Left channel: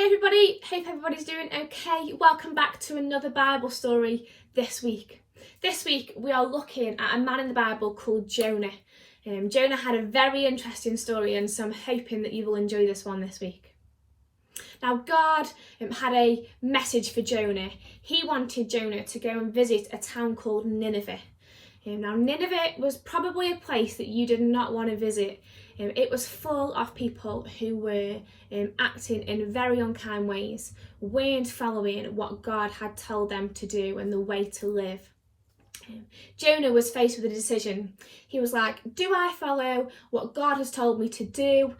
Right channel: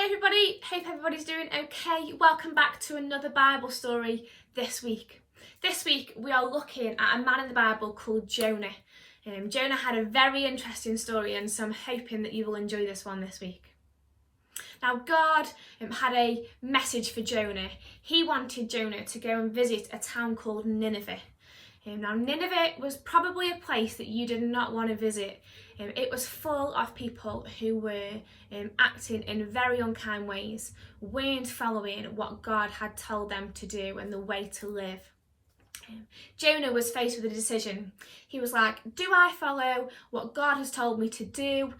Hey everybody, hope everybody's doing okay. Welcome back to another Bible story this week. This week we are looking at a man in the Bible called Jonah. Jonah had a very interesting story, and so I'm hoping that you will enjoy this one this week. Now God had a message for Jonah. He wanted Jonah to go and visit a town called Nineveh. Now Nineveh was probably a place that you did not want to visit. It was full of people who were acting in very unkind ways, weren't following what God had told them to do and the way to live. Jonah was faced with a decision. He was like, do I follow what God has told me to do?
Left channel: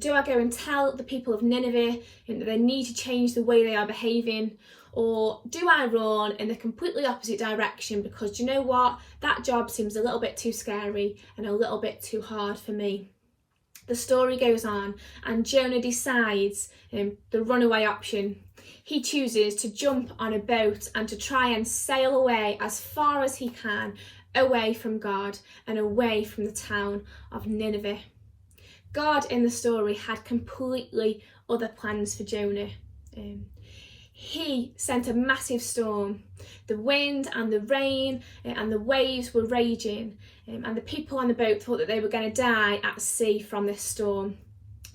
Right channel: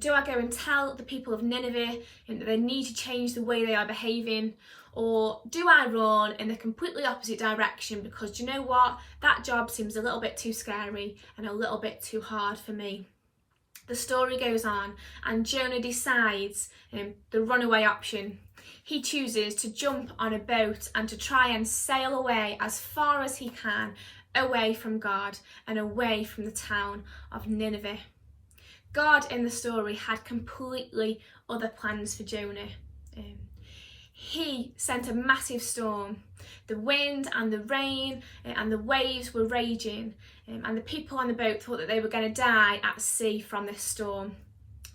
Do I go and tell the people of Nineveh that they need to change the way they are behaving? Or do I run in the completely opposite direction because, do you know what? That job seems a little bit too scary and a little bit too hard for me. The story goes on, and Jonah decides the runaway option. He chooses to jump on a boat and to try and sail away as far as he can, away from God and away from the town of Nineveh. God in the story had completely other plans for Jonah. He sent a massive storm. The wind and the rain and the waves were raging, and the people on the boat thought that they were going to die at sea from this storm.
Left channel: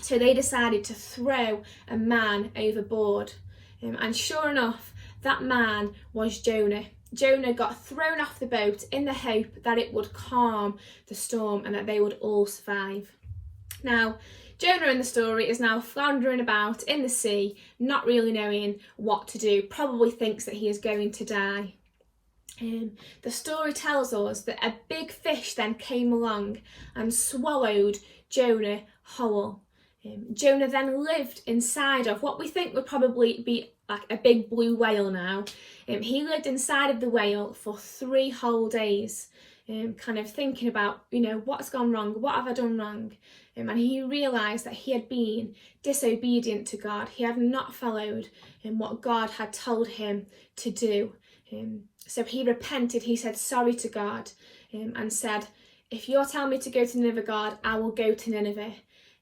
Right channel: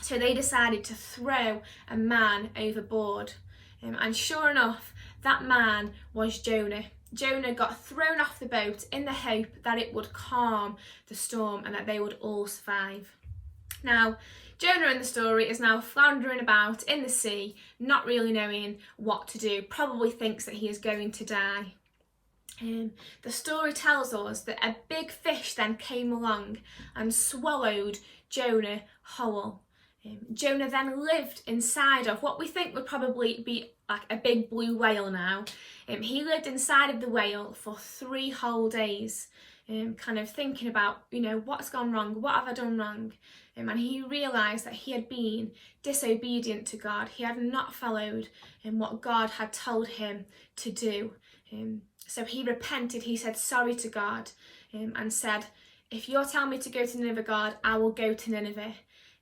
So they decided to throw a man overboard. And sure enough, that man was Jonah. Jonah got thrown off the boat in the hope that it would calm the storm and that they would all survive. Now, Jonah in the story is now floundering about in the sea, not really knowing what to do, probably thinks that he is going to die. The story tells us that a big fish then came along and swallowed Jonah whole. Jonah then lived inside of what we think would probably be like a big blue whale now. He lived inside of the whale for 3 whole days, kind of thinking about, what's gone wrong, what have I done wrong? And he realised that he had been disobedient to God. He had not followed what God had told him to do. So he repented, he said sorry to God, and said, if you're telling me to go to Nineveh, God, I will go to Nineveh.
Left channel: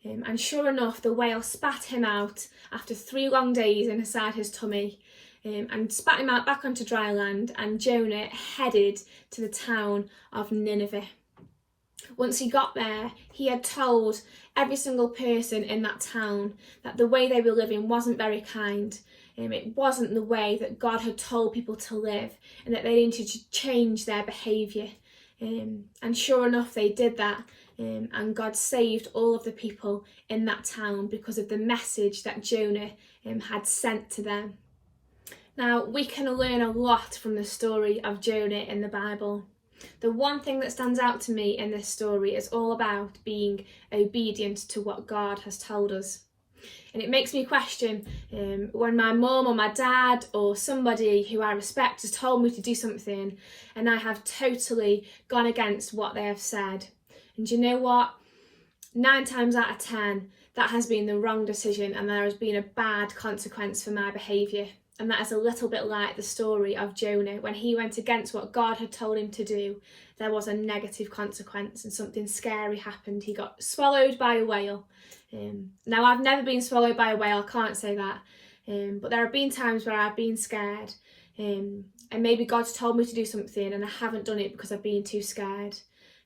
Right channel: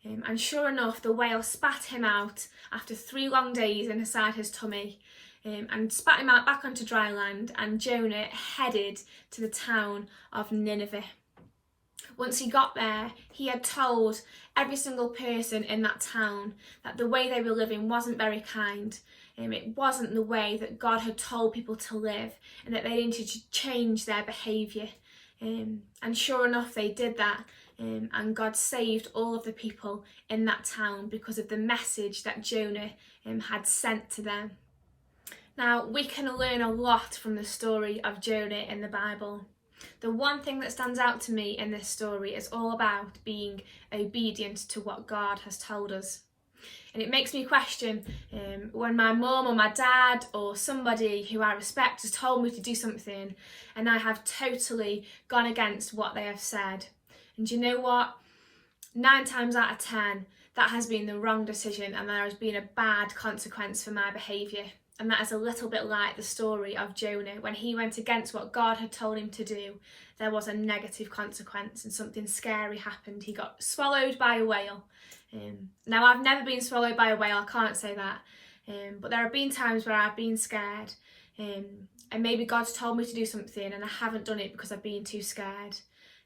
And sure enough, the whale spat him out after 3 long days inside his tummy, and spat him out back onto dry land, and Jonah headed to the town of Nineveh. Once he got there, he had told every single person in that town that the way they were living wasn't very kind. It wasn't the way that God had told people to live, and that they needed to change their behaviour. And sure enough, they did that. And God saved all of the people in that town because of the message that Jonah had sent to them. Now, we can learn a lot from the story of Jonah in the Bible. The one thing that stands out to me in this story is all about being obedient to what God has told us. And it makes me question when my mum or my dad or somebody who I respect has told me to do something and I have totally gone against what they have said. And you know what? 9 times out of 10, that has been the wrong decision and there has been a bad consequence for my behaviour. And that is a little bit like the story of Jonah. When he went against what God had told him to do, there was a negative consequence and something scary happened. He got swallowed by a whale. Now, I've never been swallowed by a whale, I can't say that. But there have been times where I've been scared. And maybe God's told me to do something and I haven't done it because I've been too scared.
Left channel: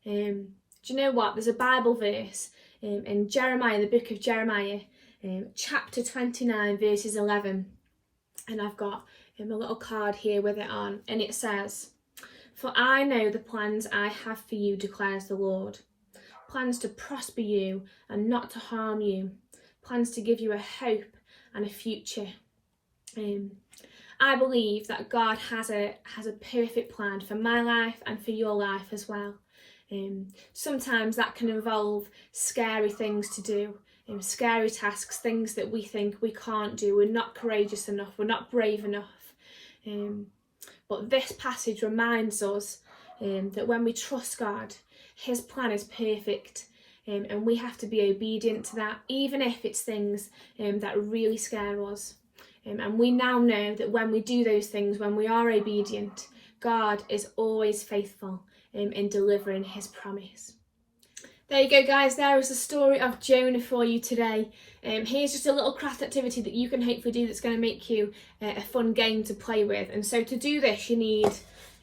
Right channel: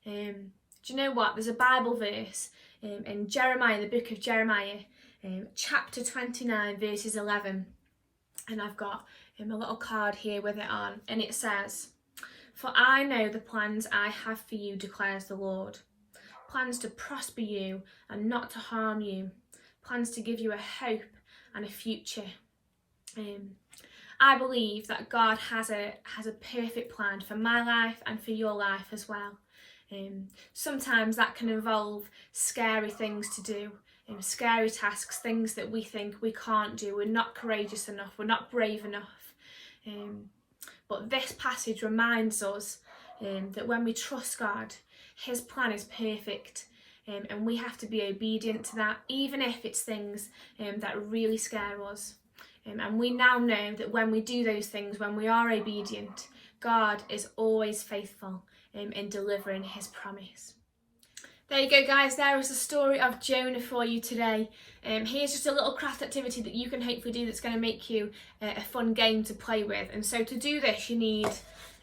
Do you know what? There's a Bible verse in Jeremiah, the book of Jeremiah, chapter 29, verses 11. And I've got a little card here with it on, and it says, "For I know the plans I have for you, declares the Lord. Plans to prosper you and not to harm you. Plans to give you a hope and a future." I believe that God has a perfect plan for my life and for your life as well. Sometimes that can involve scary things to do. Scary tasks, things that we think we can't do, we're not courageous enough, we're not brave enough. But this passage reminds us that when we trust God, his plan is perfect, and we have to be obedient to that, even if it's things that really scare us. And we now know that when we do those things, when we are obedient, God is always faithful in delivering his promise. There you go, guys. There is the story of Jonah for you today. Here's just a little craft activity that you can hopefully do that's going to make you a fun game to play with. And so to do this, you need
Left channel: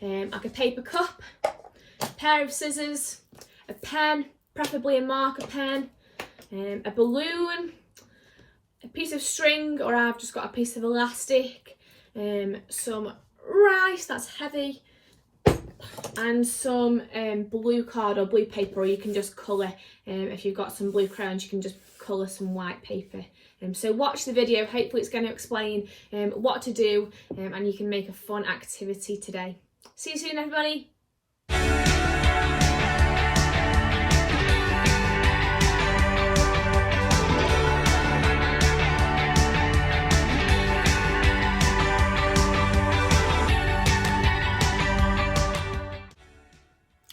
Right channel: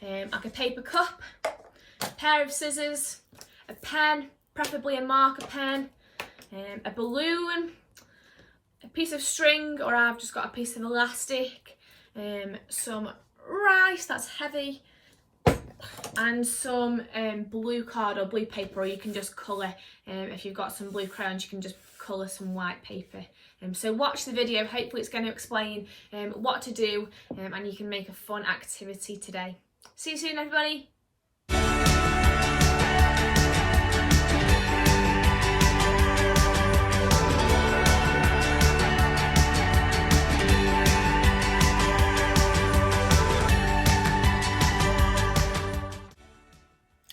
like a paper cup, a pair of scissors, a pen, preferably a marker pen, a balloon, a piece of string, or I've just got a piece of elastic, some rice that's heavy, and some blue card or blue paper, or you can just colour. If you've got some blue crayons, you can just colour some white paper. So watch the video, hopefully it's going to explain what to do, and you can make a fun activity today. See you soon, everybody.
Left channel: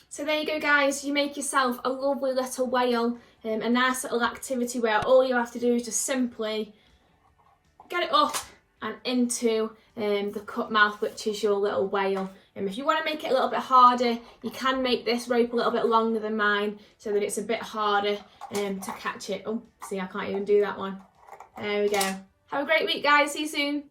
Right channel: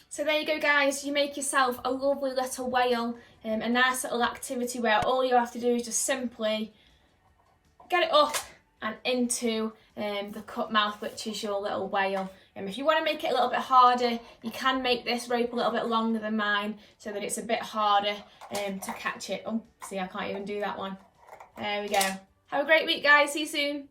So there you go, guys, you make yourself a lovely little whale, a nice little activity where all you have to do is just simply get it up and into the cut mouth, which is your little whale. If you want to make it a little bit harder, you can make this rope a little bit longer than mine so that it's a bit harder to catch it. Oh, see, I can't even do that one. There we go. Have a great week, guys. See you soon.